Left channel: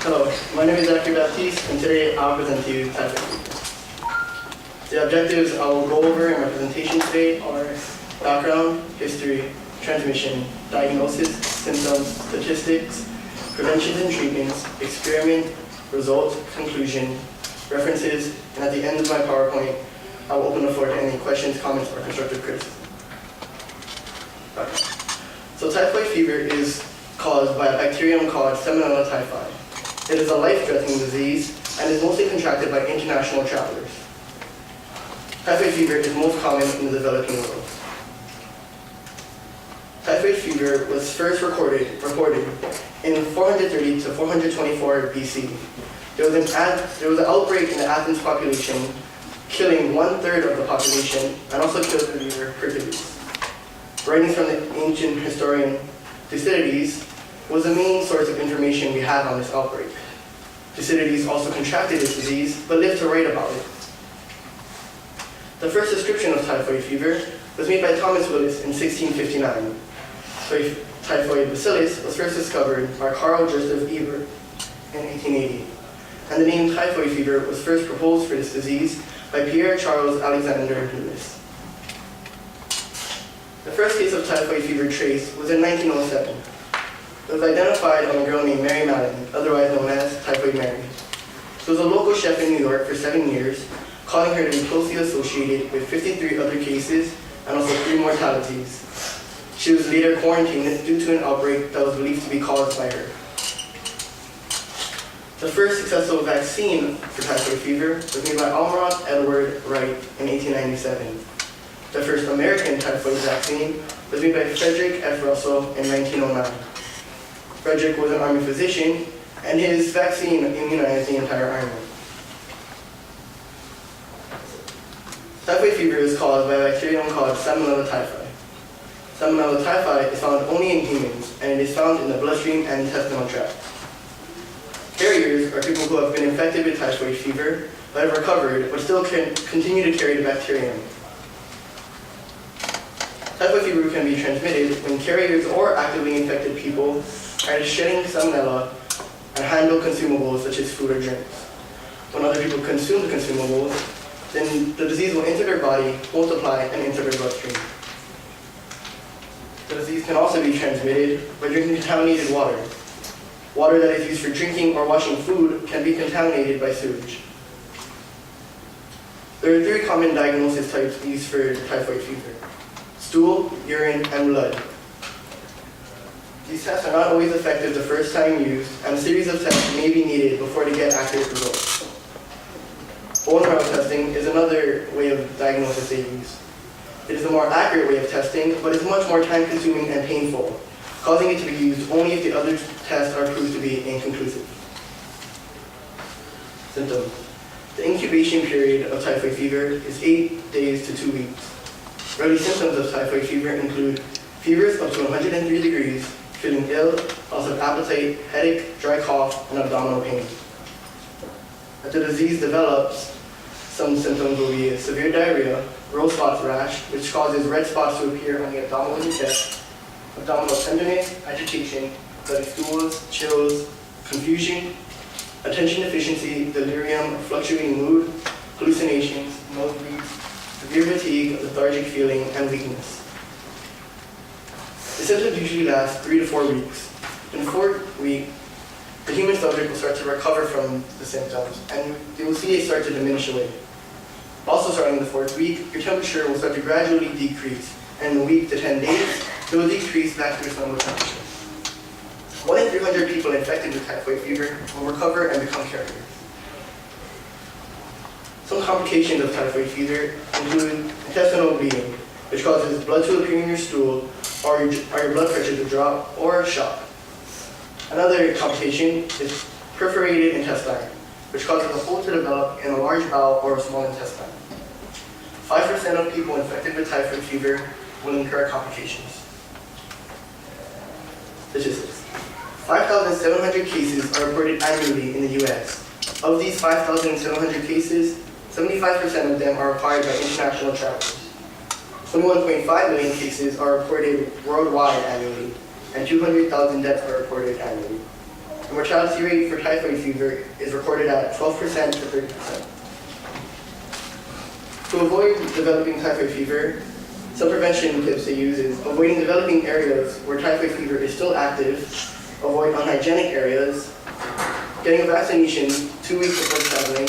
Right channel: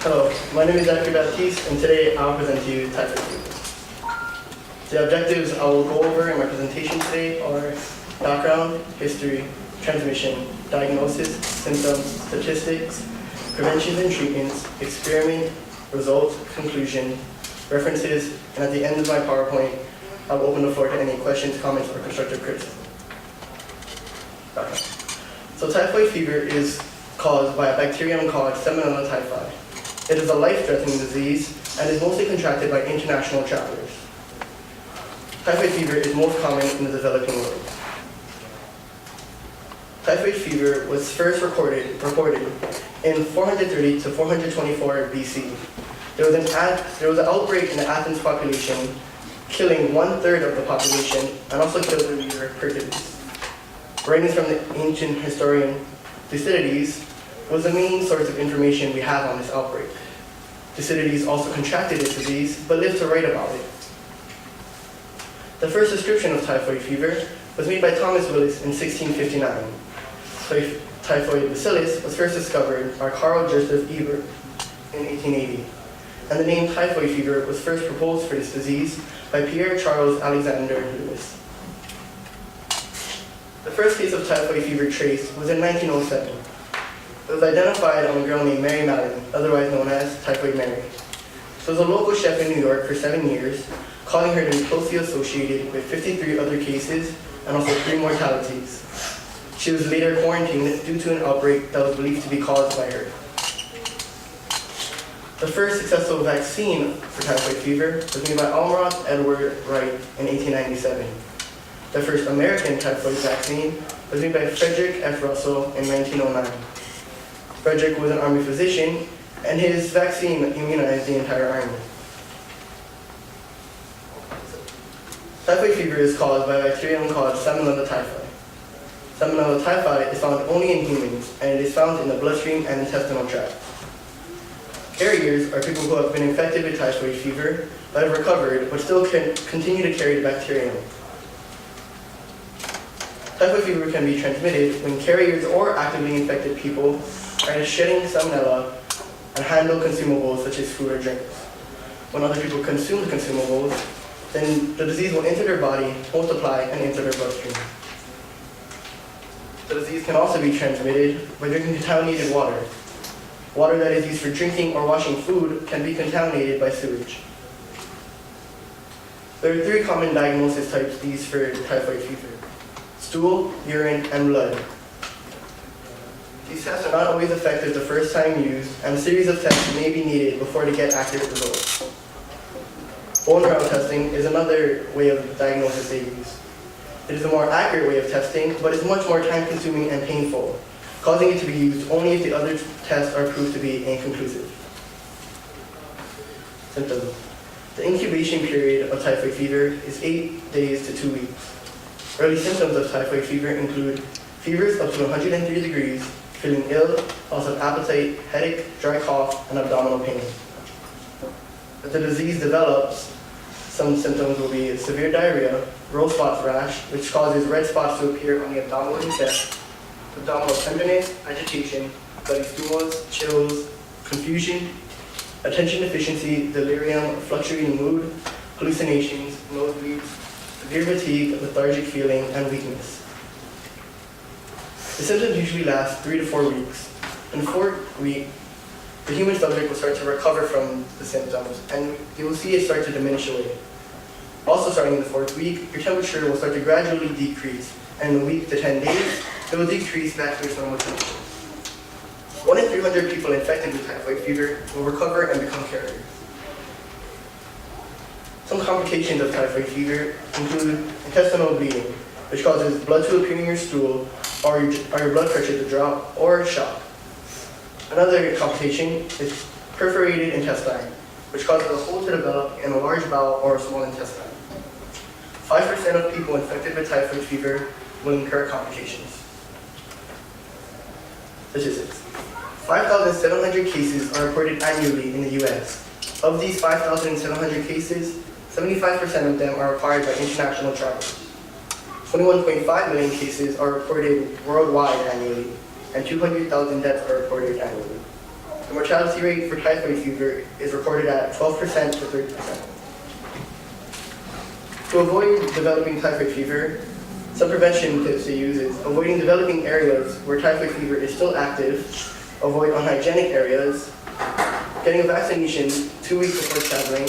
Hello, my name is Zachary Baptist, and today I'll present to you typhoid fever. The objectives I will go over in my presentation today are background, history, transmission, diagnosis, symptoms, statistics, prevention and treatments, experiment, results, conclusion, references, and at the end of my PowerPoint, I will open the floor to any questions, comments, or constructive criticism. Background. So typhoid fever is caused by a bacterium called Salmonella typhi. It is a life-threatening disease and is mostly contracted by international travelers. Typhoid fever is most common in the developing world. Typhoid fever was first reported in 430 to 424 BC. There was an outbreak in the Athens population, killing 1/3 of the population and also killed the leader Hercules. Writings from the ancient historian Thucydides was the main source of information we have on this outbreak. Thucydides also contracted this disease, but lived to write about it. The first description of typhoid fever was made by Thomas Willis in 1659. Typhoid bacillus was first discovered by Carl Joseph Eber in 1880, and the name typhoid fever was first proposed for this disease by Pierre Charles Alexander Lewis. The first case of typhoid fever traced was in 1907. It was identified on a girl named Mary Mallon, otherwise known as Typhoid Mary. She was a local chef in New York for 7 years, calling her to be closely associated with 53 other cases and also 3 mortalities. She was later quarantined due to an outbreak that was believed to be caused by her. The first successful vaccine for typhoid fever was made by Almroth Edward Wright in 1897. The first American typhoid vaccine was made by Frederick F. Russell in 1909. Frederick was an Army physician, and his vaccine immunized the entire Army. Typhoid fever is caused by a bacterium called Salmonella typhi. Salmonella typhi is found only in humans, and it is found in the bloodstream and intestinal tract. Carriers are people who have been infected with typhoid fever, but have recovered, but still continue to carry the bacterium. Typhoid fever can be transmitted when carriers or actively infected people are shedding salmonella and handle consumables such as food or drinks. When other people consume the consumables, then the disease will enter their body, multiply, and enter their bloodstream. The disease can also be transmitted by drinking contaminated water. Water that is used for drinking or washing food can be contaminated by sewage. There are 3 common diagnosis types used for typhoid fever: stool, urine, and blood. These tests are not always effective the first time used, and a series of tests may be needed before they get accurate results. Bone marrow testing is another way of diagnosis they use. It is a more accurate way of testing, but is much more time-consuming and painful, causing it to be used only if the other tests are proved to be inconclusive. Symptoms. The incubation period of typhoid fever is 8 days to 2 weeks. Early symptoms of typhoid fever include fevers up to 103 degrees, feeling ill, loss of appetite, headache, dry cough, and abdominal pain. If the disease develops, some symptoms will be severe diarrhea, rose spots rash, which causes red spots to appear on the abdominal and chest, abdominal tenderness, agitation, bloody stools, chills, confusion, attention deficiency, delirium, fluctuating mood, hallucinations, nosebleeds, severe fatigue, lethargic feeling, and weakness. The symptoms usually last 3 to 4 weeks. In the 4th week, the human subject will start to recover from the symptoms, and they will see it start to diminish away. Also starting in the 4th week, your temperature will start to gradually decrease, and in a week to 10 days, it will decrease back to its normal temperature. 1 in 300 people infected with typhoid fever will recover and become carriers. Some complications of typhoid fever include intestinal bleeding, which causes blood to appear in your stool, or your blood pressure to drop, or shock. Another complication is perforated intestine, which causes a hole to develop in a large bowel or a small intestine. 5% of people infected with typhoid fever will incur complications. Statistics. 5,700 cases are reported annually in the US. Of these 5,700 cases, 75% of them are required by international travelers. 21.5 million cases are reported worldwide annually, and 200,000 deaths are reported annually. The mortality rate for typhoid fever is recorded at 12% to 30%. To avoid developing typhoid fever, some prevention tips they use is avoiding developing areas where typhoid fever is still active, avoid unhygienic areas, getting a vaccination 2 weeks before traveling,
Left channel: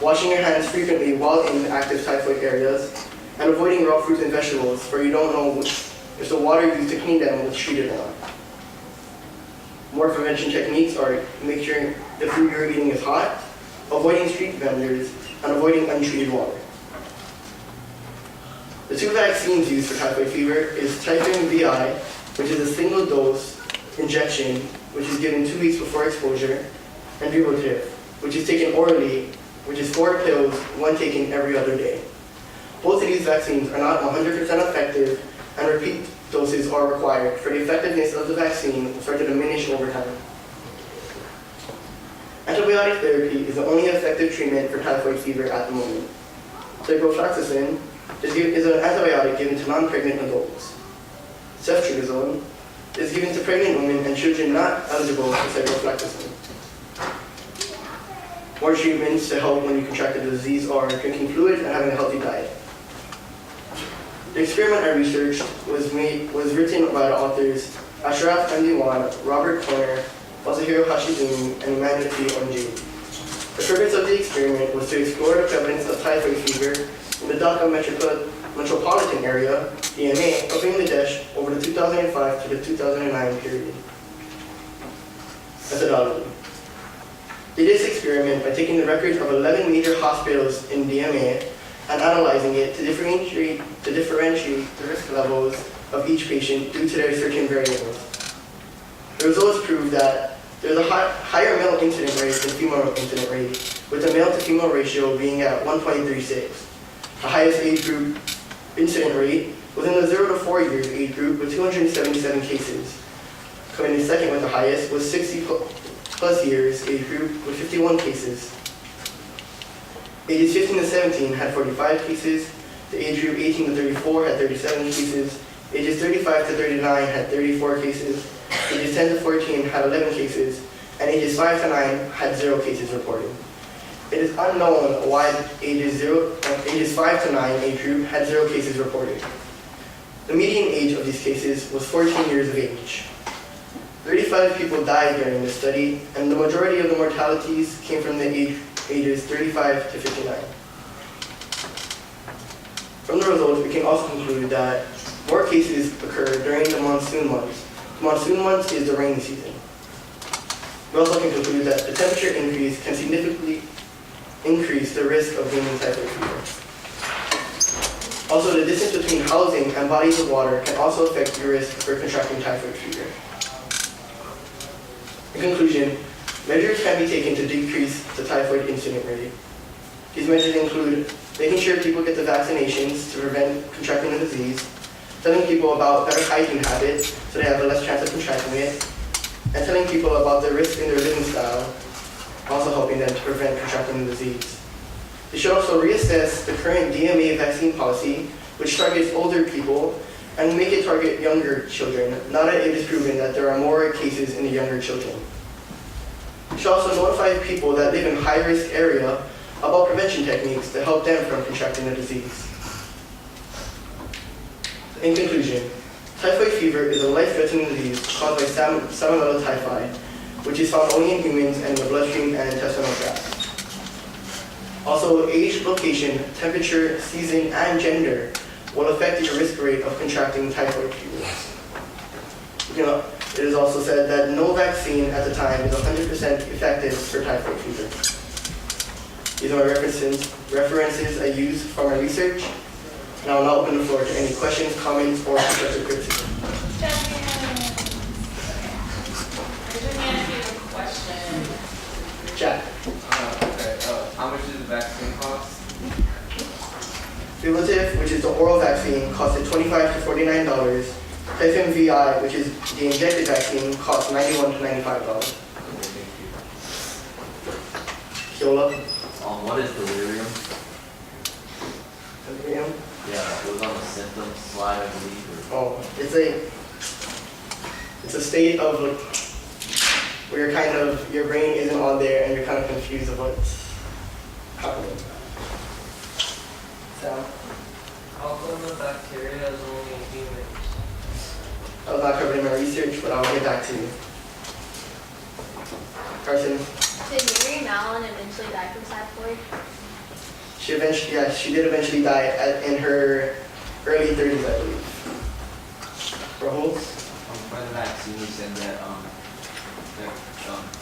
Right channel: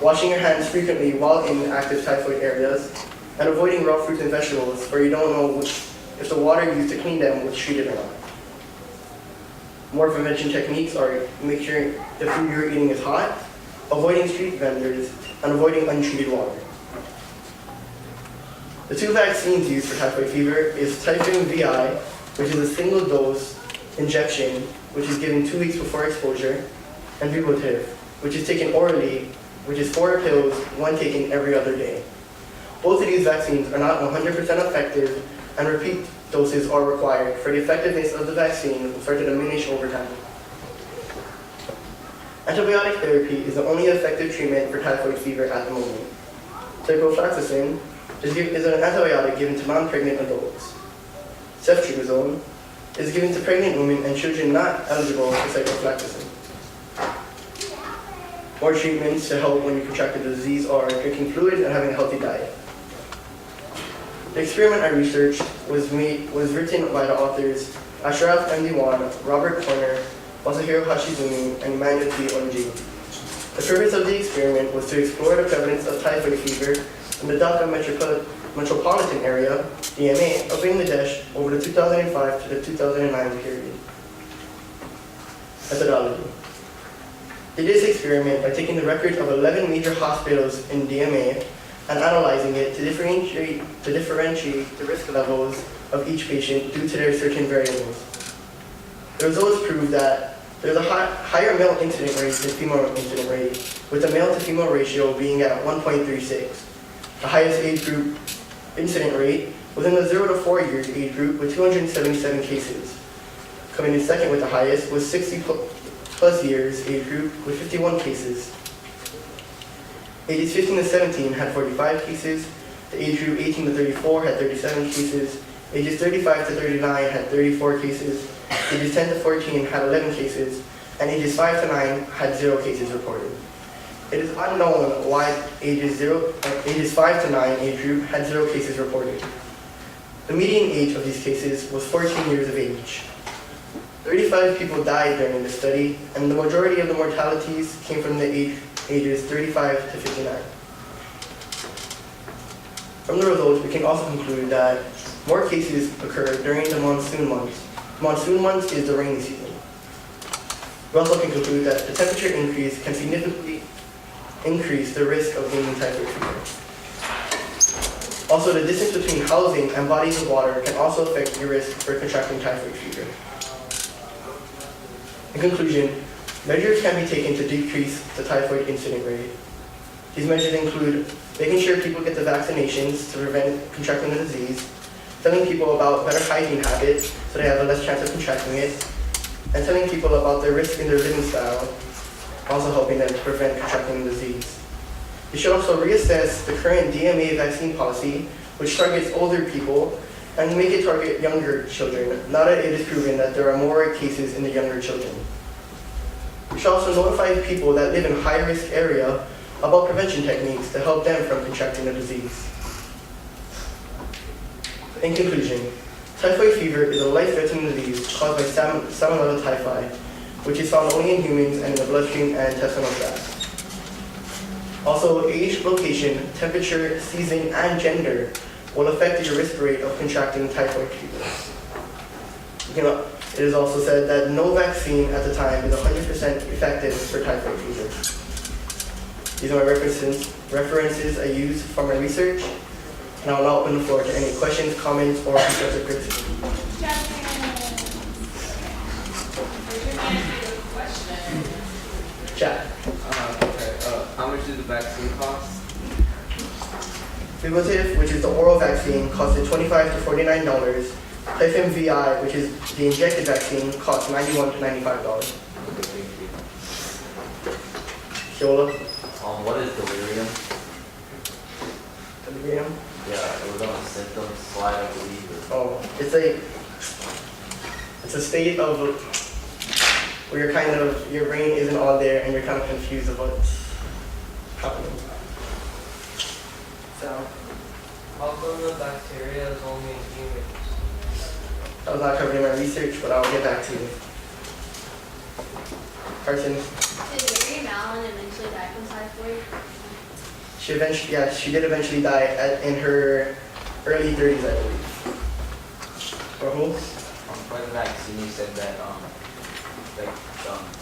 washing your hands frequently while in active typhoid areas, and avoiding raw fruits and vegetables where you don't know if the water used to clean them was treated or not. More prevention techniques are make sure the food you're eating is hot, avoiding street vendors, and avoiding untreated water. The two vaccines used for typhoid fever is Typhoid VI, which is a single dose injection, which is given 2 weeks before exposure, and Vivotif, which is taken orally, which is 4 pills, one taken every other day. Both of these vaccines are not 100% effective, and repeat doses are required for the effectiveness of the vaccine will start to diminish over time. Antibiotic therapy is the only effective treatment for typhoid fever at the moment. Ciprofloxacin is an antibiotic given to non-pregnant adults. Ceftriaxone is given to pregnant women and children not eligible for ciprofloxacin. More treatments to help when you contract the disease are drinking fluid and having a healthy diet. The experiment I researched was written by the authors Ashraf Md1, Robert Corner, Masahiro Hashizumi, and Emmanuel T. Onji. The purpose of the experiment was to explore the prevalence of typhoid fever in the Dhaka metropolitan area, DMA, of Bangladesh over the 2005 to the 2009 period. Methodology. They did this experiment by taking the records of 11 major hospitals in DMA and analyzing it to differentiate the risk levels of each patient due to their certain variables. The results proved that there's a higher male incident rate than female incident rate, with the male to female ratio being at 1.36. The highest age group incident rate was in the 0 to 4 years age group with 277 cases. Coming in second with the highest was 60 plus years age group with 51 cases. Ages 15 to 17 had 45 cases. The age group 18 to 34 had 37 cases. Ages 35 to 39 had 34 cases. Ages 10 to 14 had 11 cases. And ages 5 to 9 had 0 cases reported. It is unknown why ages 5 to 9 age group had 0 cases reported. The median age of these cases was 14 years of age. 35 people died during the study, and the majority of the mortalities came from the ages 35 to 59. From the results, we can also conclude that more cases occur during the monsoon months. Monsoon months is the rainy season. We also can conclude that the temperature increase can significantly increase the risk of gaining typhoid fever. Also, the distance between housing and bodies of water can also affect your risk for contracting typhoid fever. In conclusion, measures can be taken to decrease the typhoid incident rate. These measures include making sure people get the vaccinations to prevent contracting the disease, telling people about better hygiene habits so they have a less chance of contracting it, and telling people about the risk in their living style, also helping them to prevent contracting the disease. You should also reassess the current DMA vaccine policy, which targets older people, and make it target younger children, now that it is proven that there are more cases in the younger children. You should also notify people that live in high-risk area about prevention techniques to help them from contracting the disease. In conclusion, typhoid fever is a life-threatening disease caused by Salmonella typhi, which is found only in humans and in the bloodstream and intestinal tract. Also, age, location, temperature, season, and gender will affect your risk rate of contracting typhoid fever. It is also said that no vaccine at the time is 100% effective for typhoid fever. These are my references I use for my research, and I will now open the floor to any questions, comments, or constructive criticism. Jack. How much does the vaccine cost? Vivotif, which is the oral vaccine, costed $25 to $49. Typhoid VI, which is the injected vaccine, costs $91 to $95. Kiola. What is delirium? Delirium? Yeah, it was on the symptoms slide, I believe. Oh, it's a state of where you're kind of, your brain isn't all there and you're kind of confused about what's happening. So, How come the bacteria is only in humans? that was not covered in my research, but I'll get back to you. Carson, Did Mary Mallon eventually die from typhoid? she did eventually die in her early 30s, I believe. Rahul? For the vaccine, you said that,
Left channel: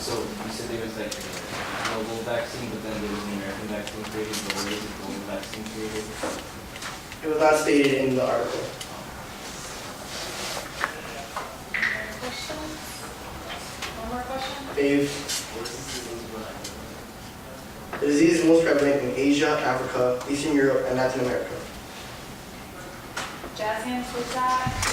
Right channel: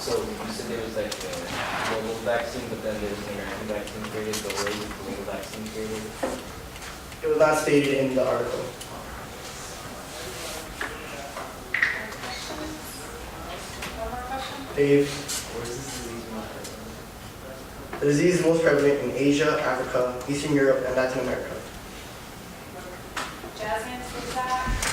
so you said there was like a global vaccine, but then there was an American vaccine created, but where was the global vaccine created? It was not stated in the article. Questions? One more question? Dave, What is this disease the disease is most prevalent in Asia, Africa, Eastern Europe, and Latin America. Jazz hands for that.